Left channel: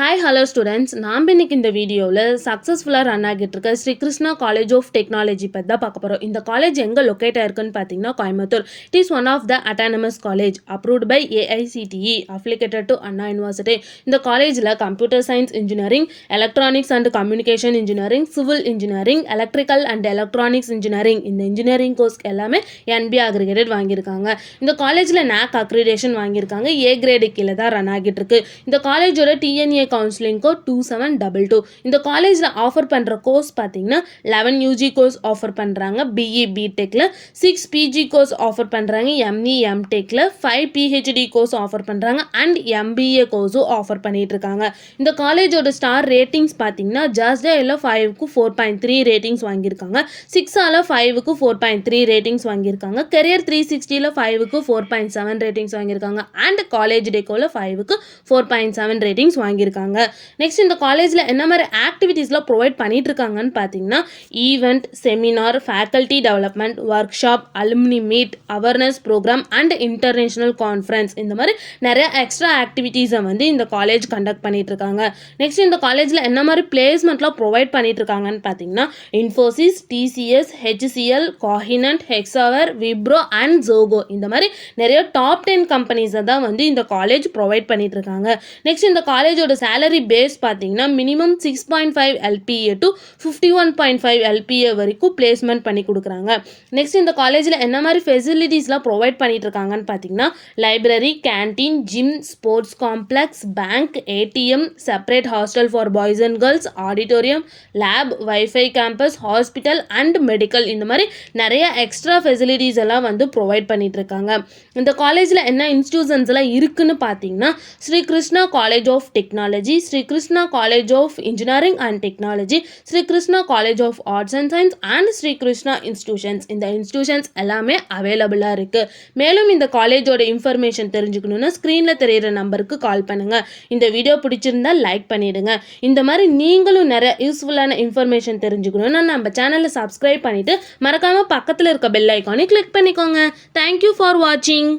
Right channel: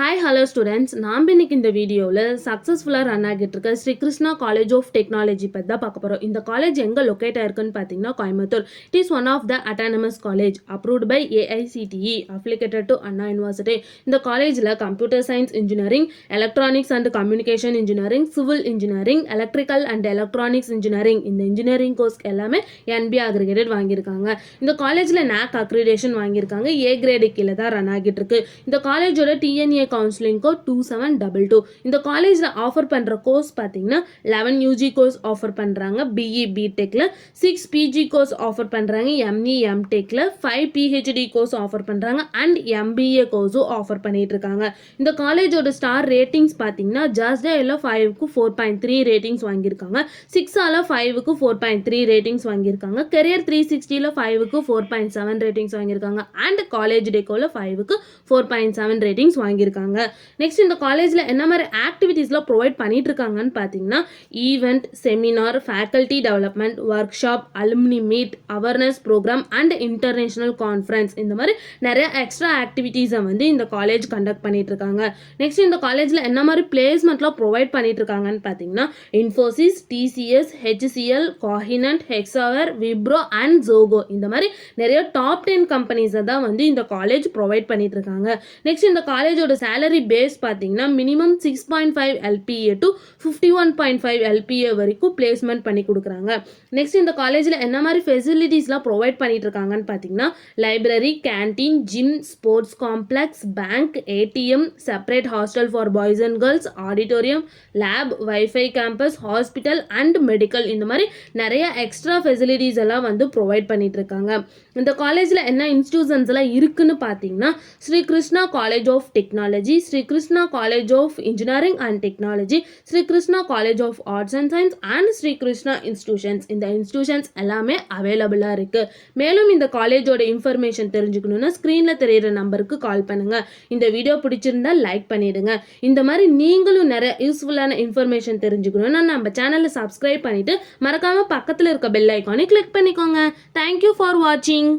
Hi hello students, நாம் இன்னைக்கு இந்த வீடியோவில் சக்ஸஸ்ஃபுல்லாக ரன் ஆகிட்டு இருக்க Sri Krishna college of technology பற்றி தான் பார்க்க போகிறோம். இந்த காலேஜ் எங்கே லொக்கேட் ஆயிருக்குன்னு பார்த்தீங்கன்னா Coimbatore. It is one of the autonomous college approved by AICTE affiliated to Anna university. இந்த காலேஜில் computer science engineering, electronics and communication engineering, civil engineering, electrical and electronics engineering இந்த இன்ஜினியரிங் கோர்ஸ் எல்லாமே என்பிஏ அக்ரிகேட்டட் வாங்கியிருக்காங்க. இந்த காலேஜில் NAAC accreditation வாங்கியிருக்காங்க. A grade கீழே தான் ரன் ஆகிட்டு இருக்கு. இந்த காலேஜோட TNA கவுன்சிலிங் கோட் 2722. இந்த காலேஜில் ஆஃபர் பண்ணுற கோர்ஸ் பார்த்தீங்கன்னா 11 UG கோர்ஸ் ஆஃபர் பண்ணுறாங்க. BE BTechல 6 PG கோர்ஸ் ஆஃபர் பண்ணுறாங்க. ME MTechல 5 PhD கோர்ஸ் ஆஃபர் பண்ணுறாங்க அண்ட் MBA கோர்ஸும் ஆஃபர் பண்ணிட்டு இருக்காங்க. இந்த காலேஜோட ஸ்டார் ரேட்டிங்ஸ் பார்த்தீங்கன்னா ஜாஸ்டாயில் 5க்கு 4.3 ரேட்டிங்ஸ் வாங்கியிருக்காங்க. 6ஆல் 5க்கு 4.3 ரேட்டிங்ஸ் வாங்கியிருக்காங்க. கெரியர் 360ல் 5க்கு 4.7 ரேட்டிங்ஸ் வாங்கியிருக்காங்க அண்ட் காலேஜ் டெக்கோவில் 5க்கு 4.7 ரேட்டிங்ஸ் வாங்கியிருக்காங்க. நெக்ஸ்ட் இந்த காலேஜில் என்ன மாதிரி ஆக்டிவிட்டீஸ்லாம் ப்ரொவைட் பண்ணிட்டு இருக்காங்கன்னு பார்த்தீங்கன்னா event, seminar, faculty development, workshop, alumni meet, awareness programme and international conference இந்த மாதிரி நிறைய எக்ஸ்ட்ரா ஆக்டிவிட்டீஸை வந்து இந்த காலேஜ் கண்டக்ட் பண்ணிட்டு இருக்காங்க. நெக்ஸ்ட் இந்த காலேஜில் என்ன மாதிரி பிளேஸ்மெண்ட்லாம் ப்ரொவைட் பண்ணிட்டு இருக்காங்கன்னு பார்த்தீங்கன்னா Infosys, TCS, HCL, Cognizant, Hexaware, Wipro and Zoho இந்த மாதிரி நிறைய டாப் 10 கம்பெனிஸை தான் வந்து இந்த காலேஜ் ப்ரொவைட் பண்ணிட்டு இருக்காங்க. நெக்ஸ்ட் இந்த காலேஜோட சேலரி பேஸ் பார்த்தீங்கன்னா மினிமம் 6.5 LPA டு 51.5 LPA வரைக்கும் பிளேஸ்மெண்ட் பண்ணி கொடுக்குறாங்க. நெக்ஸ்ட் இந்த காலேஜில் என்ன மாதிரி ஃபெசிலிட்டிஸ்லாம் ப்ரொவைட் பண்ணிட்டு இருக்காங்கன்னு பார்த்தீங்கன்னா library, canteen, gym, sports complex, bank, ATM, separate hostel for boys and girls, auditorium, lab, wifi campus, hospital and medical இந்த மாதிரி நிறைய எக்ஸ்ட்ரா ஃபெசிலிட்டிஸ் எல்லாம் வந்து ப்ரொவைட் பண்ணிட்டு இருக்காங்க. இந்த காலேஜில் என்ன இன்ஸ்டிடியூஷன்ஸ் எல்லாம் இருக்குன்னு பார்த்தீங்கன்னா Sri Krishna college of technology, Sri Krishna college of engineering and technology, Sri Krishna college of arts and science and Sri Krishna institutions இந்த இன்ஸ்டிடியூஷன்ஸ் எல்லாமே அவைலபிளாக இருக்குது. மேலும் இந்த காலேஜோட இன்ஃபர்மேஷன் தெரிஞ்சுக்கணுன்னா ஸ்க்ரீனில் தெரியிற நம்பருக்கு கால் பண்ணுங்கள். இந்த வீடியோ பிடிச்சிருந்தா லைக் பண்ணிவிடுங்க. இந்த மாதிரி நீங்களும் நிறைய யூஸ்ஃபுல்லான இன்ஃபர்மேஷன் தெரிஞ்சுக்கணுன்னா நம்ம சேனலை சப்ஸ்கிரைப் பண்ணிவிட்டு மறக்காமல் பக்கத்தில் இருக்க பெல் ஐக்கானை கிளிக் பண்ணிக்கோங்க. தேங்க்யூ ஃபார் வாட்சிங்.